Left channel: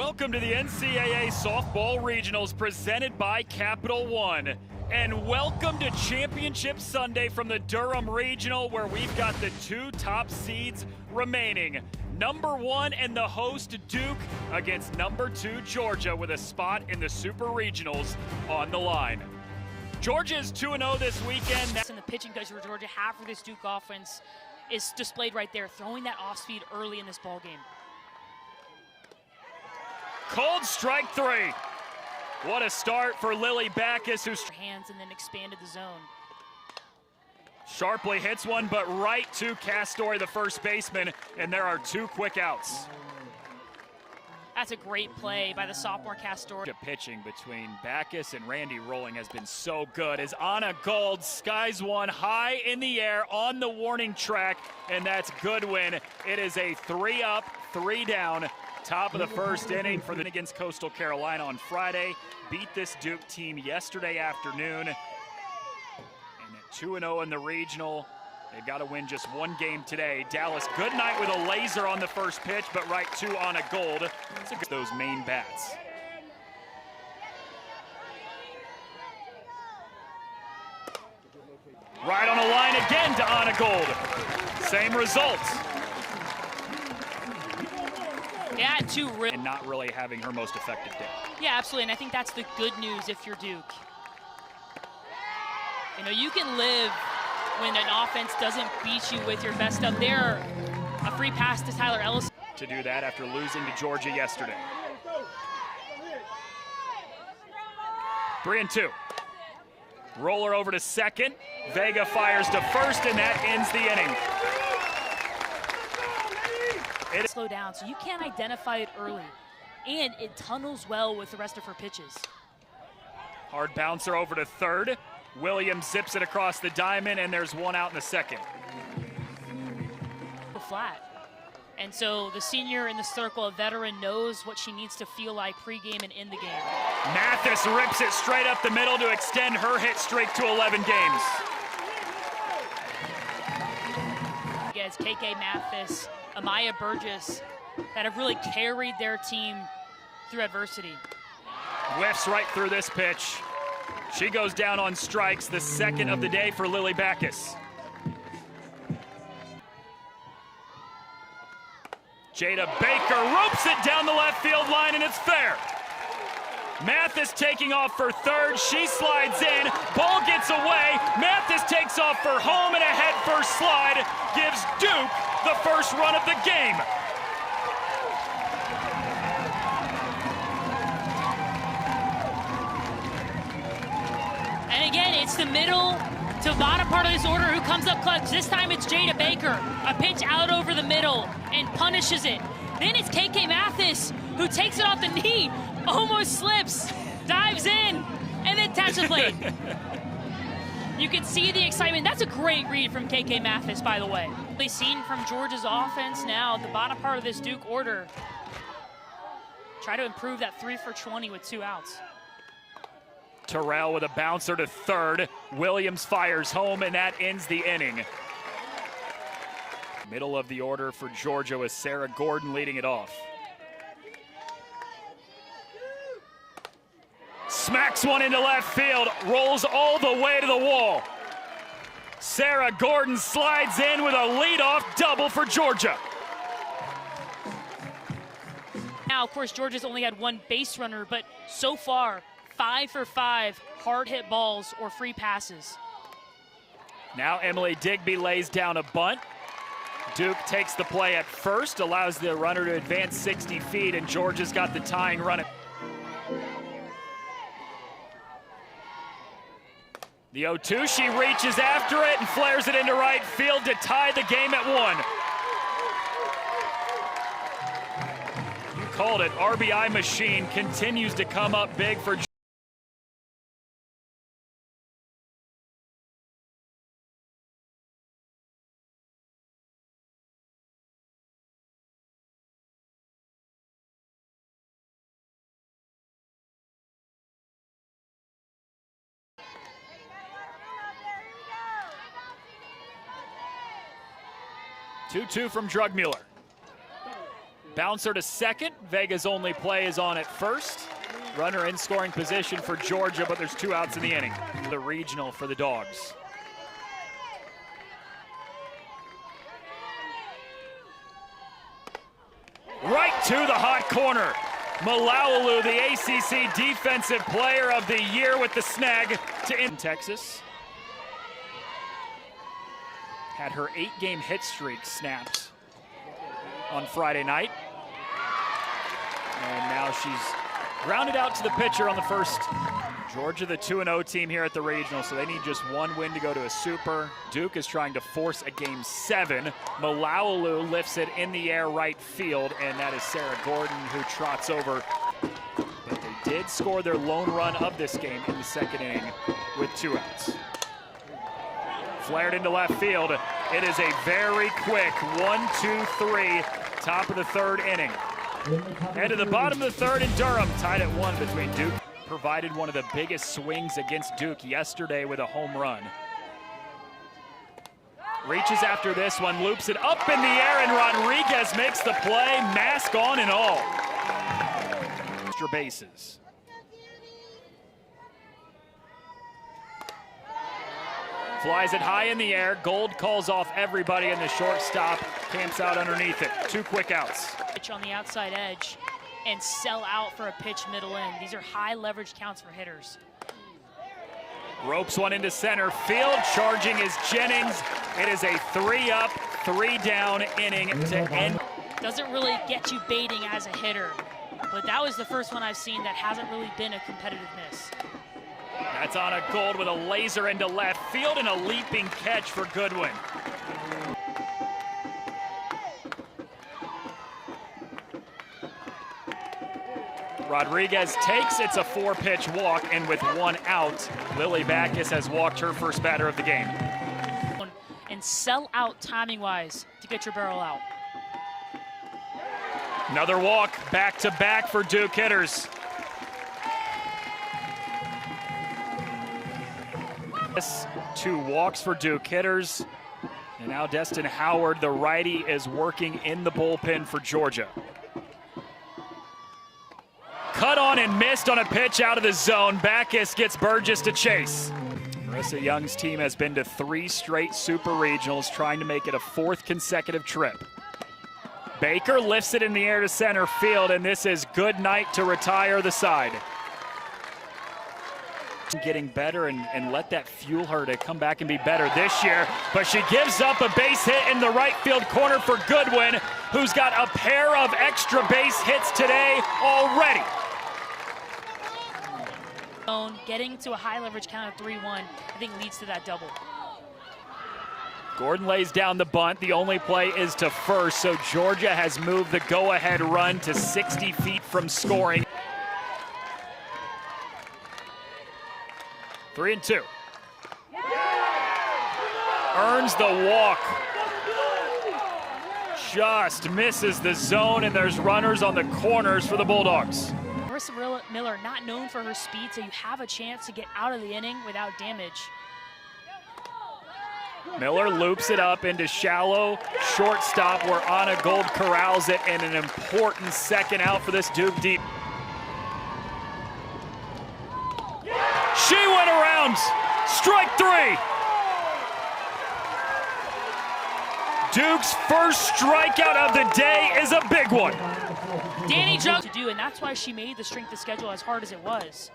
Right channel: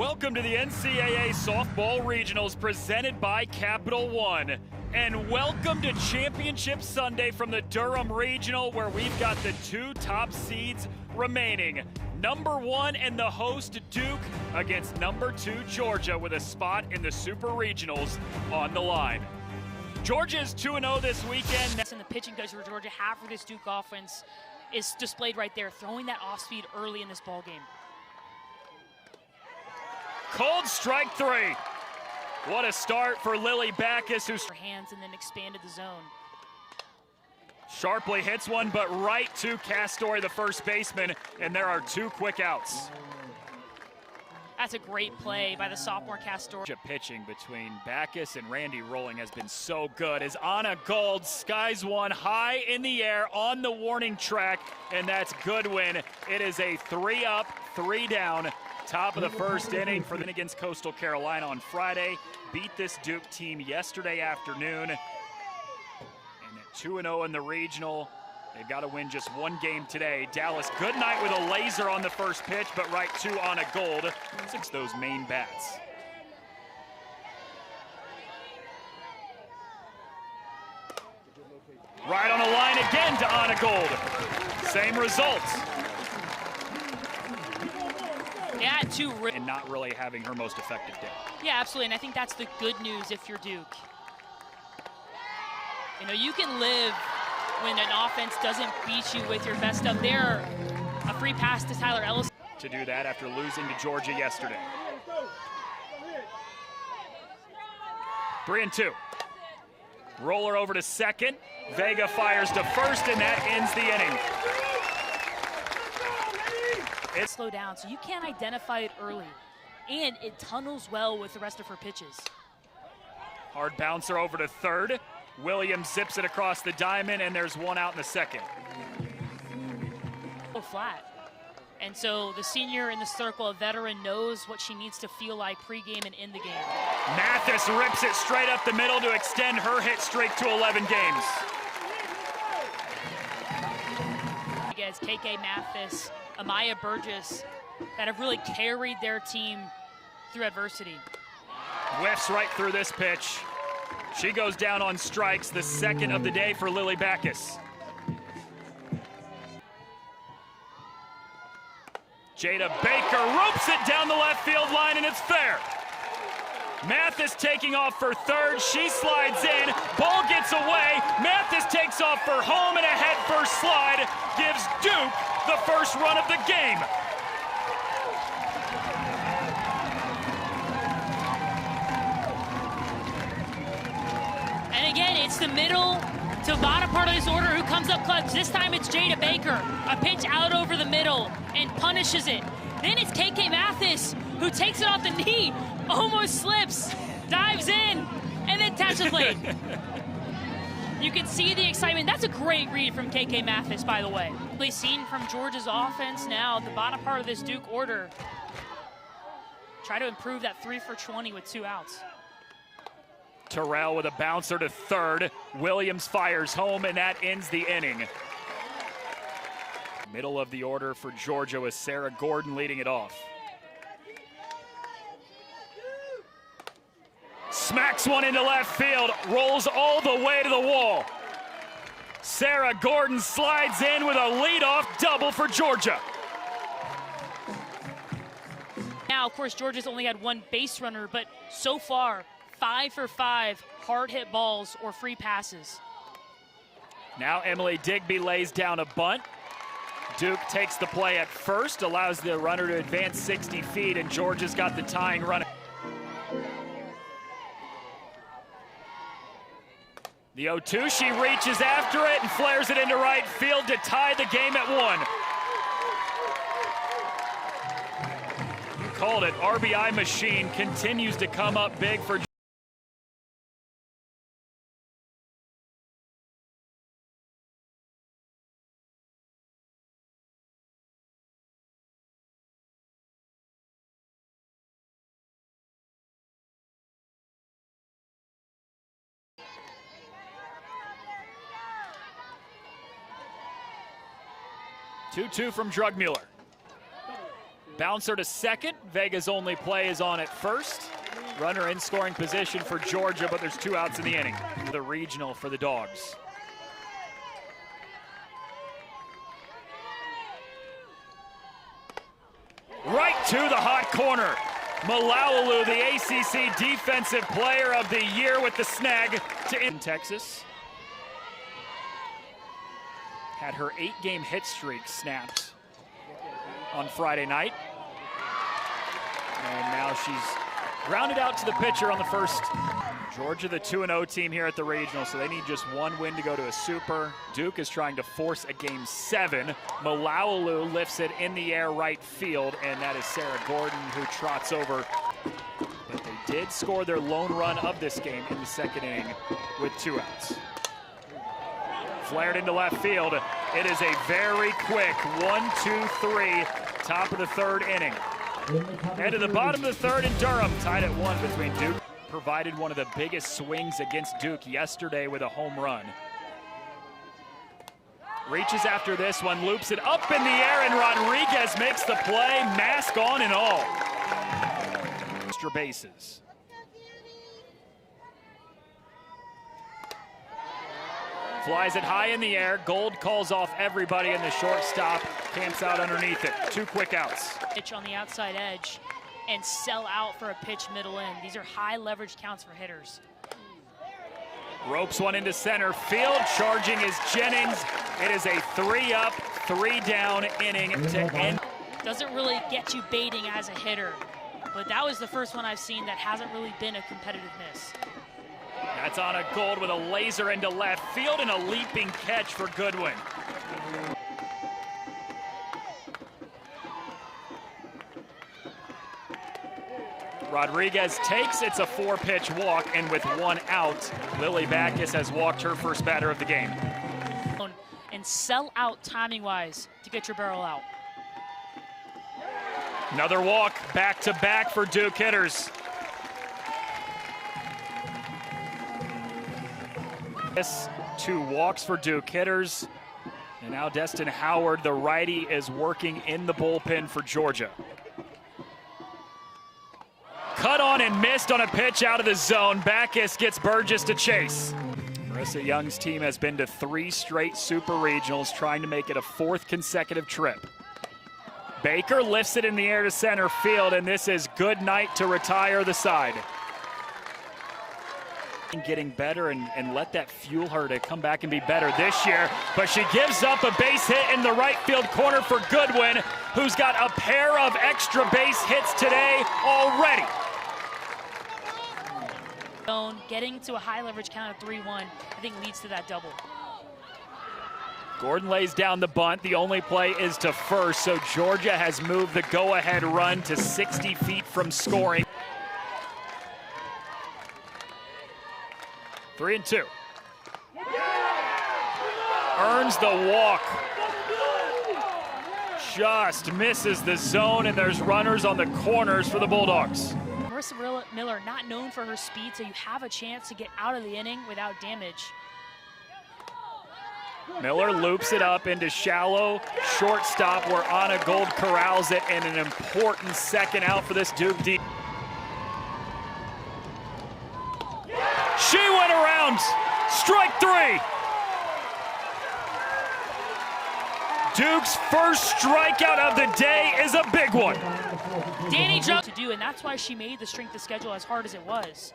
Welcome to the NCAA Softball Regionals presented by Capital One. And welcome to Championship Sunday from the Durham Regional, where we've got the two top seeds remaining. Number 1 and the host Duke against number 2 Georgia, with a spot in the Super Regionals on the line. Georgia is 2-0 this weekend. And the pitching coach for Georgia, half of this Duke offense is displayed right there, throwing that off speed early in this ball game. Called strike 3. What a start for Lily Backus, who's hands and then expanded the zone. Sharply hits one, but right to Castori, the first baseman, and there are 2 quick outs. That's a great play by the sophomore Castori. Pitching between Backus and Randy Rolling has been so good. Is Anna Gold skies one high in the air on the warning track, and that's Goodwin. It is a 3-up, 3-down. Top of the first inning for the against Coastal Carolina on Friday. Beat this Duke team yesterday afternoon. And at 2-0 in the regional. They got to win just one game today. Dallas Goodnight with a laser on the first pitch, but right to Anna Gold. Those main bats. Right on the line again to Anna Gold. Same results. Yeah, and not really having her most effective day. Yeah, absolutely, and I think that's the good news if you're Duke. You know, you can live when an offense doesn't beat you with your best stuff. There, a free pass to Tyler Ellis. To do that after losing to Georgia yesterday. 3-2. Roller over to second. Vega fires to first, and that ends the inning. Slow down, so you can't identify it early, and it tunnels well with the rest of her pitches. Hard bouncer over to third. Williams zips it across the diamond, and there's one out in the second. Flat. And so the senior in the circle, a veteran, knows what she needs to feel like pregame and in the game. Mathis rips it straight up the middle to extend her hit streak to 11 games. Against KK Mathis, Amaya Burgess, that have really carried their team through adversity. Whiffs right through this pitch. She goes down on strikes, the second of the day for Lily Backus. Jada Baker ropes it down the left field line, and it's fair. Mathis taking off for third. She slides in. Ball gets away. Mathis takes off for home, and a head-first slide gives Duke the first run of the game. And again, it's the middle to bottom part of this order who comes up clutch. This time it's Jada Baker. A pitch out over the middle and punishes it. Then it's KK Mathis who takes it off the knee, almost slips, dives in, and then taps it late. You can see the excitement. That's a great read from KK Mathis, by the way. They've seen from Georgia's offense now, the bottom part of this Duke order. Try to improve that 3 for 20 with 2 outs. Terrell with a bouncer to third. Williams fires home, and that ends the inning. Middle of the order for Georgia with Sarah Gordon leading it off. Smacks one into left field, rolls all the way to the wall. Sarah Gordon slides in with a leadoff double for Georgia. Now, of course, Georgia's only had 1 base runner, but so far, 5 for 5 hard hit balls or free passes. Now Emily Digby lays down a bunt. Duke takes the play at first, allows the runner to advance 60 feet, and Georgia's got the tying run. The 0-2, she reaches after it and flares it into right field to tie the game at 1. You called it. RBI machine continues to come up big for 2-2 from Drugmuller. Bouncer to second. Vega's only play is on at first. Runner in scoring position for Georgia, but there's 2 outs in the inning. The regional for the Dogs. Right to the hot corner. Malaulu, the ACC Defensive Player of the Year with the snag to in Texas. Had her 8-game hit streak snapped on Friday night. And now she's grounded out to the pitcher on the first. Georgia, the 2-0 team here at the regional, so they need just 1 win to go to a super. Duke is trying to force a game 7. Malaulu lifts it in the air right field, and that is Sarah Gordon who trots over. But they did score their lone run of this game in the second inning with 2 outs. Flared into left field. It is a very quick 1-2-3, top of the 3rd inning. And to the bottom of the 3rd in Durham, tied at 1 between Duke. Provided one of the biggest swings against Duke yesterday with a home run. Reaches after this one, loops it up in the air, and Rodriguez makes the play, mask on and all. Extra bases. Flies it high in the air. Gold calls off everybody, and the shortstop camps out underneath it. 2 quick outs. Pitch on the outside edge and sell out for a pitch middle in. These are high leverage counts for hitters. Ropes one into center field. Charging is Jennings. It is a 3-up, 3-down inning to end. Doesn't really get you baiting as a hitter, but that was the first one I've seen that hasn't really been a competitiveness. That's on a Gold with a laser into left field and a leaping catch for Goodwin. Rodriguez takes, it's a 4-pitch walk, and with 1 out, Lily Backus has walked her first batter of the game. And sell out timing-wise to get your barrel out. Another walk, back-to-back for Duke hitters. 2 walks for Duke hitters. And now Destin Howard, the righty, is working in the bullpen for Georgia. Cut on and missed on a pitch out of the zone. Backus gets Burgess to chase. Marissa Young's team has been to 3 straight super regionals, trying to make it a 4th consecutive trip. Baker lifts it in the air to center field, and this is good night to retire the side. Getting better and let that fuel her to come back and be better this year, but she gives up a base hit in the right field corner for Goodwin, who's got a pair of extra base hits today already. Getting to a high leverage count of 3-1, I think leads to that double. Gordon lays down the bunt. The only play is to first, so Georgia has moved the go-ahead run to 60 feet from scoring. 3-2. Earns the walk. Just misses the zone, and there's runners on the corners for the Bulldogs. Marissa Miller, not known for her speed, so you have a chance to get out of the inning without damage. Miller loops it up into shallow shortstop where Anna Gold corrals it, and an important second out for this Duke team. She went around. Strike 3. Duke's first strikeout of the day is a big one. Danny Jones to do, and that's why she made the strength of schedule as hard as it was.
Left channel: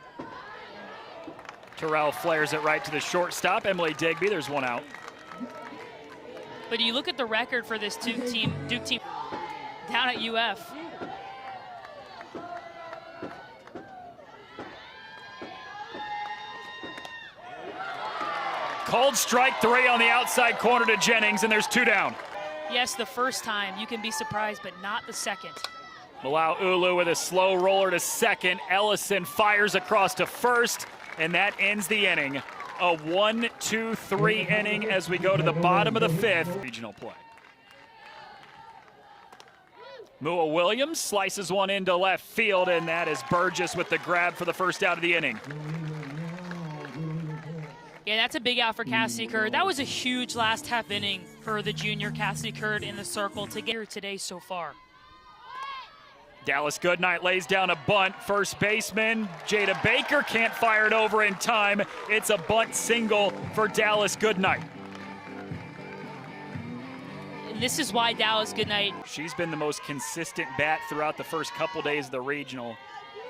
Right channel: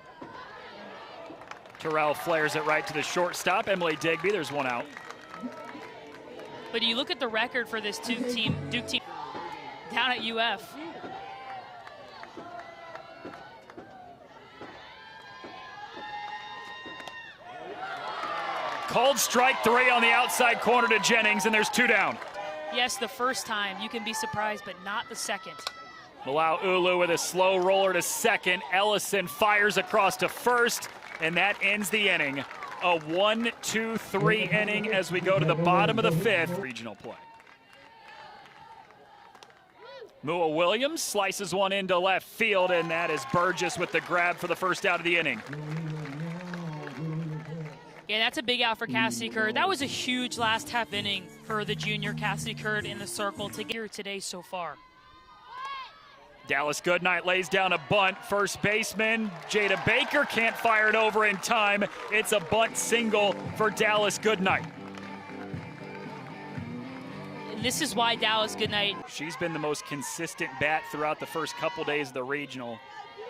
Terrell flares it right to the shortstop. Emily Digby, there's 1 out. But you look at the record for this Duke team down at UF. Called strike 3 on the outside corner to Jennings, and there's 2 down. Yes, the first time you can be surprised, but not the second. Allow Ulu with a slow roller to second. Ellison fires across to first, and that ends the inning. A 1-2-3 inning as we go to the bottom of the 5th. Regional play. Mua Williams slices one into left field, and that is Burgess with the grab for the first out of the inning. Yeah, that's a big out for Cassie Curd. That was a huge last half inning for the junior Cassie Curd in the circle to get her today so far. Dallas Goodnight lays down a bunt. First baseman Jada Baker can't fire it over in time. It's a bunt single for Dallas Goodnight. This is why Dallas Goodnight. She's been the most consistent bat throughout the first couple days of the regional.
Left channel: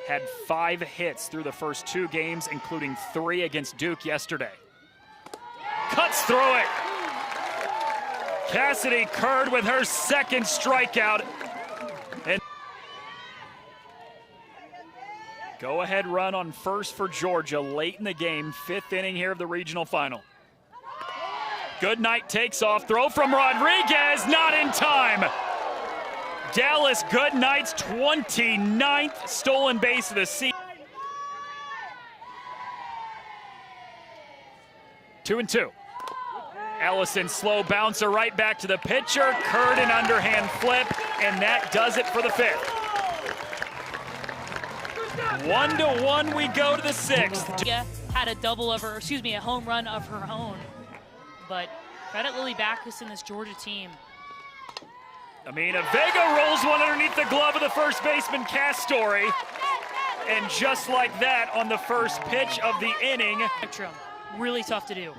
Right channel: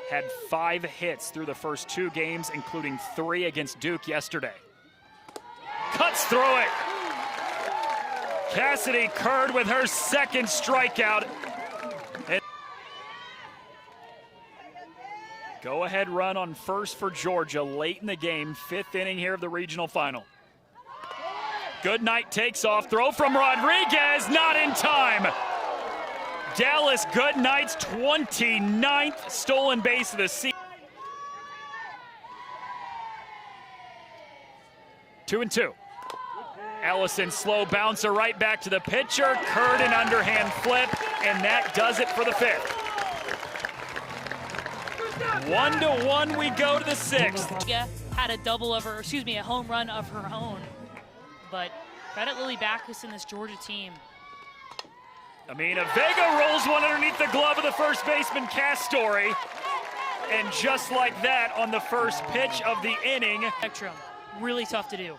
Had 5 hits through the first 2 games, including 3 against Duke yesterday. Cuts through it. Cassidy Curd with her second strikeout. And go-ahead run on first for Georgia late in the game, 5th inning here of the regional final. Goodnight takes off, throw from Rodriguez, not in time. Dallas Goodnight's 29th stolen base of the season. 2-2. Allison slow bouncer right back to the pitcher. Curd an underhand flip, and that does it for the 5th. 1-1 we go to the 6th. Yeah, had a double of her, excuse me, a home run of her own. But credit Lily Backus and this Georgia team. Amina Vega rolls one underneath the glove of the first baseman Castori. And just like that, on the first pitch of the inning. Really tough to do.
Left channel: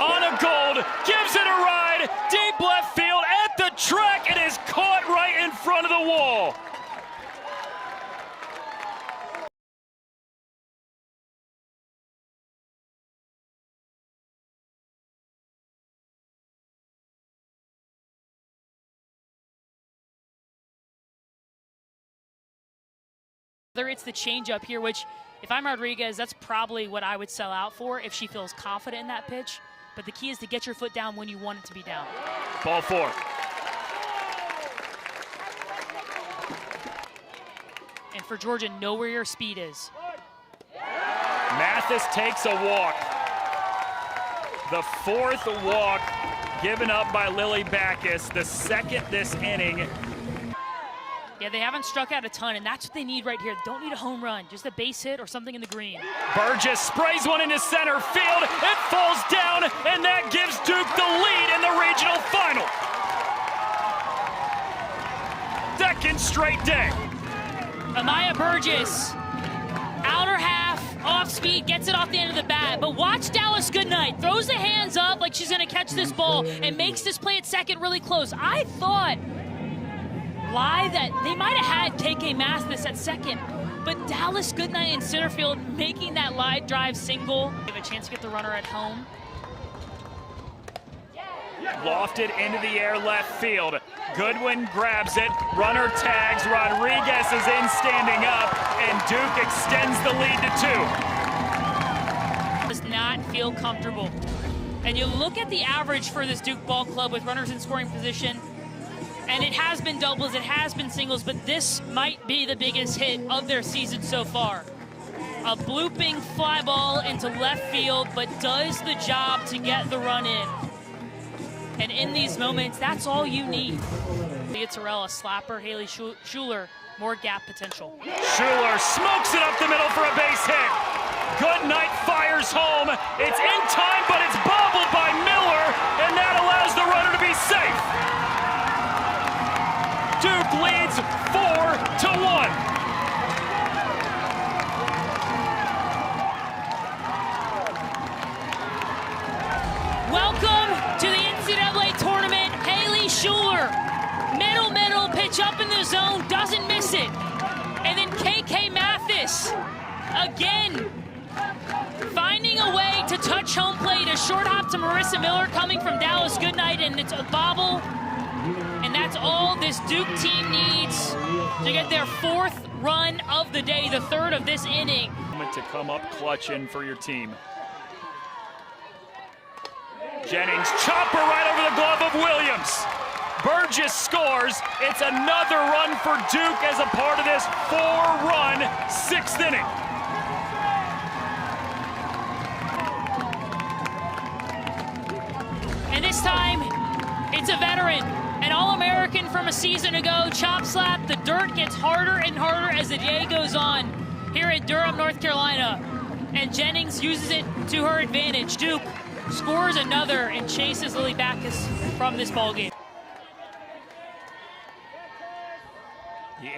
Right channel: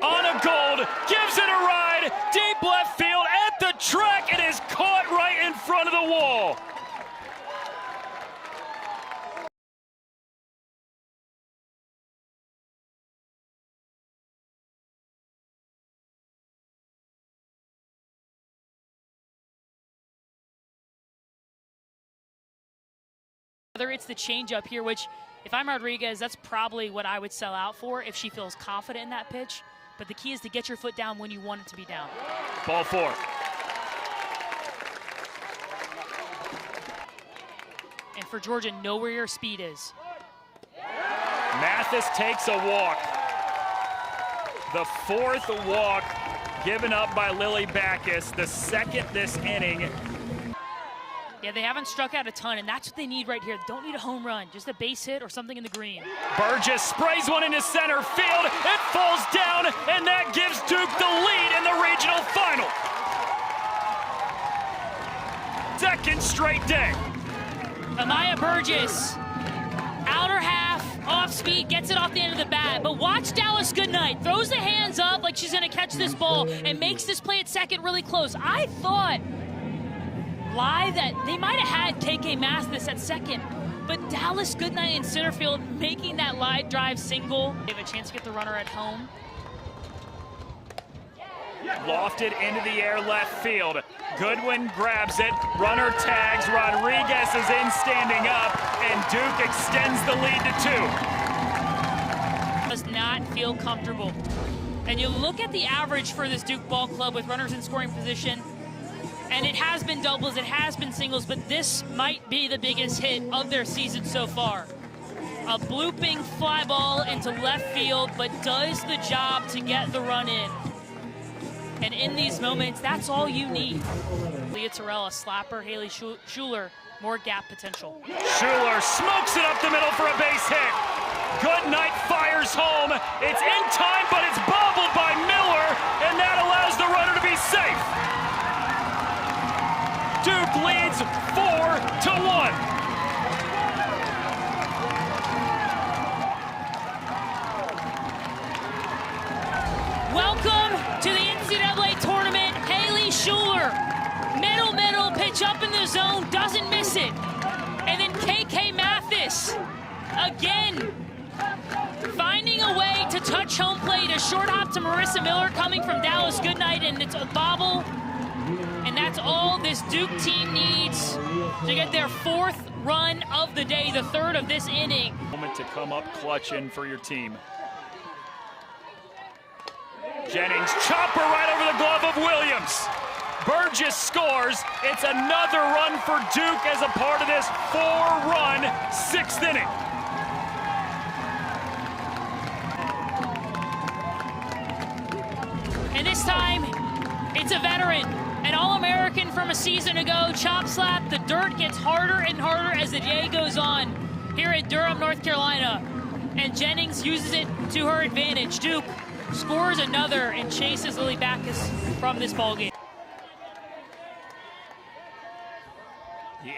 Anna Gold gives it a ride, deep left field at the track, and is caught right in front of the wall. Whether it's the changeup here, which if I'm Rodriguez, that's probably what I would sell out for if she feels confident in that pitch. But the key is to get your foot down when you want it to be down. Ball 4. And for Georgia, know where your speed is. Mathis takes a walk. The 4th walk given up by Lily Backus, the 2nd this inning. Yeah, they haven't struck out a ton, and that's what they need right here. They don't need a home run, just a base hit or something in the green. Burgess sprays one into center field. It falls down, and that gives Duke the lead in the regional final. 2nd straight day. Amaya Burgess, outer half, off speed, gets it off the end of the bat. But watch Dallas Goodnight. Throws the hands up like she's going to catch this ball and makes this play at second really close. I thought live that they might have had KK Mathis at second, but Dallas Goodnight in center field making that live drive single. They have a chance to get the runner at home. Lofted into the air left field. Goodwin grabs it. Runner tags. Rodriguez is in standing up, and Duke extends the lead to 2. Does not feel comfortable. And you look at the average for this Duke ball club with runners in scoring position, and it has been doubles, it has been singles, but this might be the biggest hit of their season so far. A blooping fly ball into left field, but does the job to get the run in. And in these moments, that's all you need. Leah Terrell, slapper, Haley Schuler, more gap potential. Schuler smokes it up the middle for a base hit. Goodnight fires home. It's in time, but it's bobbled by Miller, and that allows the runner to be safe. Duke leads 4-1. Welcome to the NCAA tournament, Haley Schuler. Middle, pitch up in the zone, doesn't miss it. And then KK Mathis, again, finding a way to touch home plate. A short hop to Marissa Miller coming from Dallas Goodnight, and it's a bobble. And that's all this Duke team needs to get their 4th run of the day, the 3rd of this inning. Moment to come up clutching for your team. Jennings, chopper right over the glove of Williams. Burgess scores. It's another run for Duke as a part of this 4-run 6th inning. And this time, it's a veteran. An All-American from a season ago, chop slap. The dirt gets harder and harder as the day goes on here at Durham, North Carolina. And Jennings uses it to her advantage. Duke scores another and chases Lily Backus from this ballgame.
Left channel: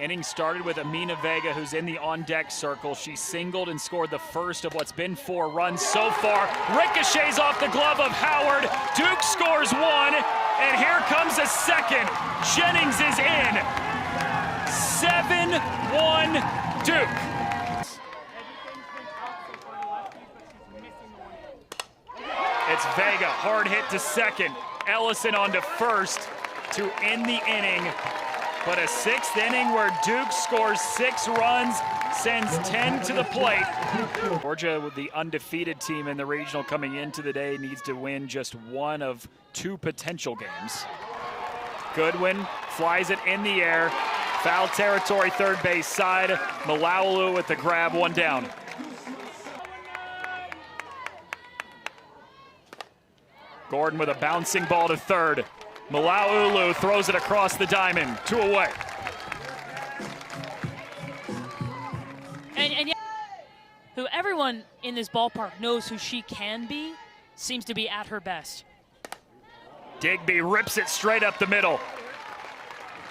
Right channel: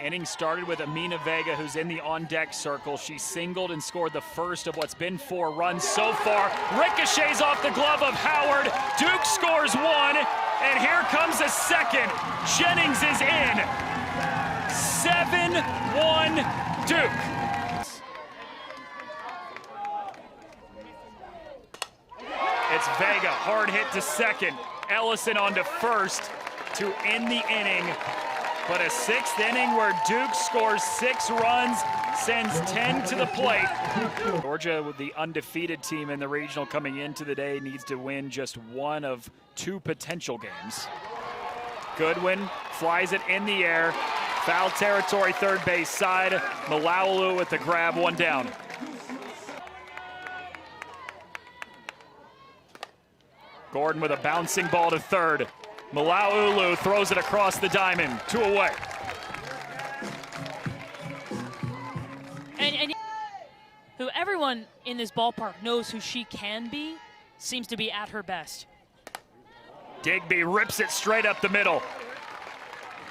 inning started with Amina Vega, who's in the on-deck circle. She singled and scored the first of what's been 4 runs so far. Ricochets off the glove of Howard. Duke scores 1, and here comes a second. Jennings is in. 7-1 Duke. It's Vega, hard hit to second. Ellison on to first to end the inning. But a 6th inning where Duke scores 6 runs, sends 10 to the plate. Georgia, the undefeated team in the regional coming into the day, needs to win just 1 of 2 potential games. Goodwin flies it in the air. Foul territory, third base side. Malaulu with the grab, 1 down. Gordon with a bouncing ball to third. Malaulu throws it across the diamond, 2 away. And who everyone in this ballpark knows who she can be, seems to be at her best. Digby rips it straight up the middle.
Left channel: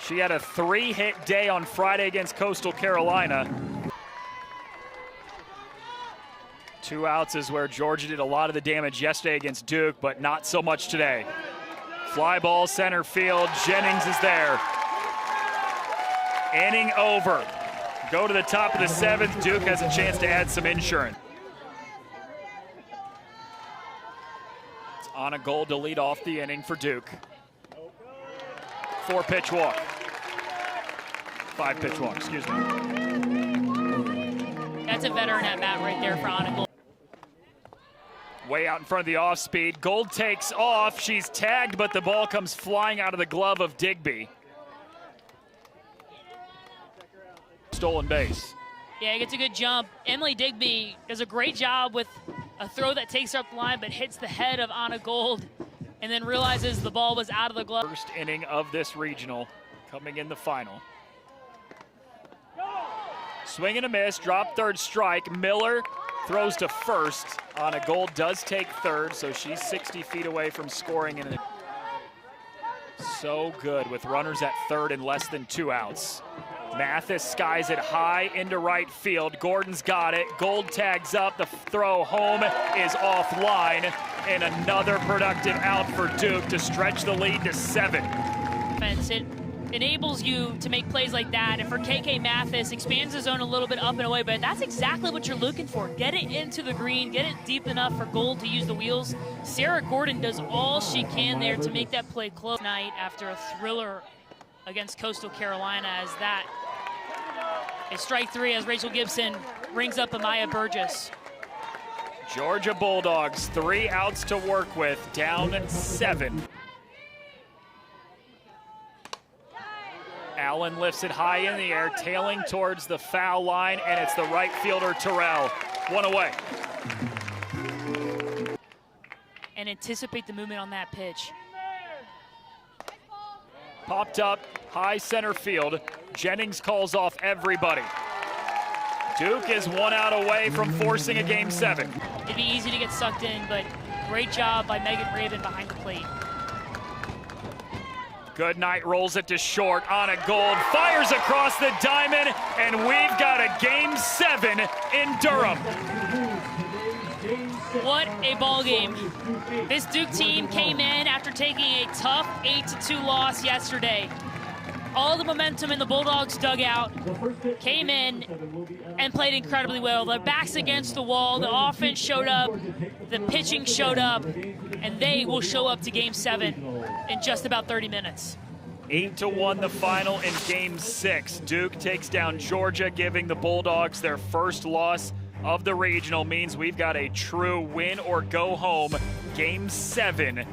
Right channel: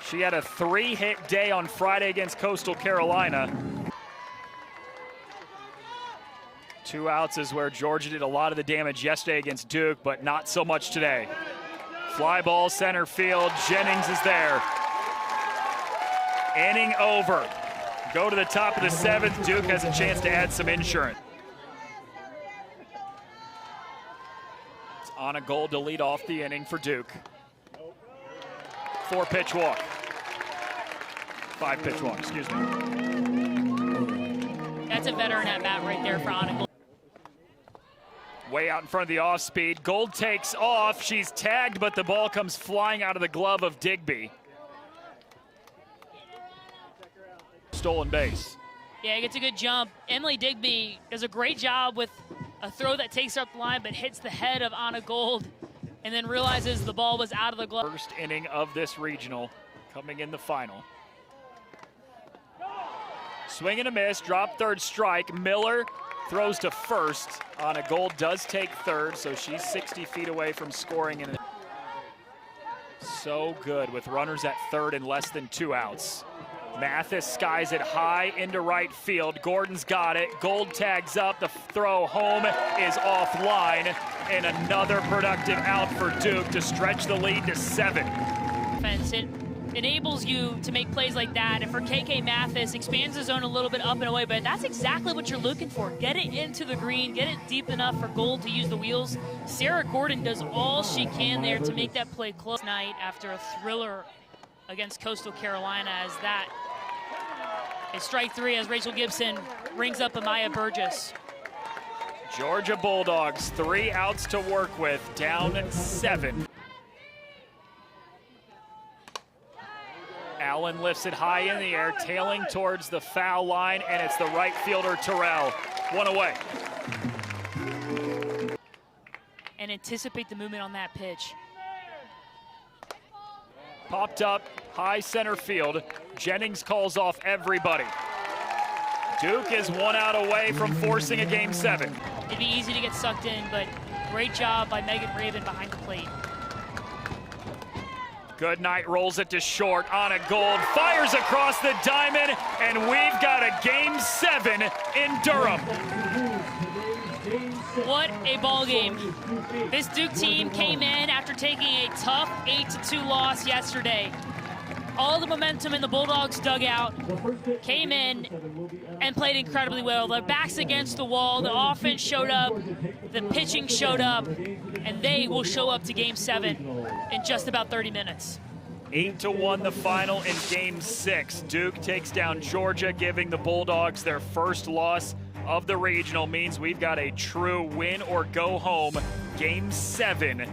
She had a 3-hit day on Friday against Coastal Carolina. 2 outs is where Georgia did a lot of the damage yesterday against Duke, but not so much today. Fly ball center field, Jennings is there. Inning over. Go to the top of the 7th, Duke has a chance to add some insurance. It's on a goal to lead off the inning for Duke. 4-pitch walk. 5-pitch walk, excuse me. That's a veteran at bat right there for Anna. Way out in front of the off-speed. Gold takes off. She's tagged, but the ball comes flying out of the glove of Digby. Stolen base. Yeah, gets a good jump. Emily Digby does a great job with a throw that takes up the line but hits the head of Anna Gold and then realizes the ball was out of the glove. First inning of this regional coming in the final. Swing and a miss, drop third strike. Miller throws to first. Anna Gold does take third, so she's 60 feet away from scoring. And so good with runners at third and less than 2 outs. Mathis skies it high into right field. Gordon's got it. Gold tags up. The throw home is offline. And another productive out for Duke to stretch the lead to 7. It enables you to make plays like that. And for KK Mathis, expands the zone a little bit up and away, but that's exactly what you're looking for. Get it into the green, get it deep enough for Gold to use the wheels. Sarah Gordon does all she can there to make that play close tonight after a thriller against Coastal Carolina, as that is strike 3 as Rachel Gibson brings up Amaya Burgess. Georgia Bulldogs, 3 outs to work with, down 7. Allen lifts it high in the air, tailing towards the foul line, and it's the right fielder, Terrell. 1 away. And anticipate the movement on that pitch. Popped up, high center field. Jennings calls off everybody. Duke is 1 out away from forcing a Game 7. It'd be easy to get sucked in, but great job by Megan Raven behind the plate. Goodnight rolls it to short. Anna Gold fires across the diamond, and we've got a Game 7 in Durham. What a ball game. This Duke team came in after taking a tough 8-2 loss yesterday. All the momentum in the Bulldogs dugout came in and played incredibly well. The backs against the wall, the offense showed up, the pitching showed up, and they will show up to Game 7 in just about 30 minutes. 8-1 the final in Game 6. Duke takes down Georgia, giving the Bulldogs their first loss of the regional. Means we've got a true win or go home Game 7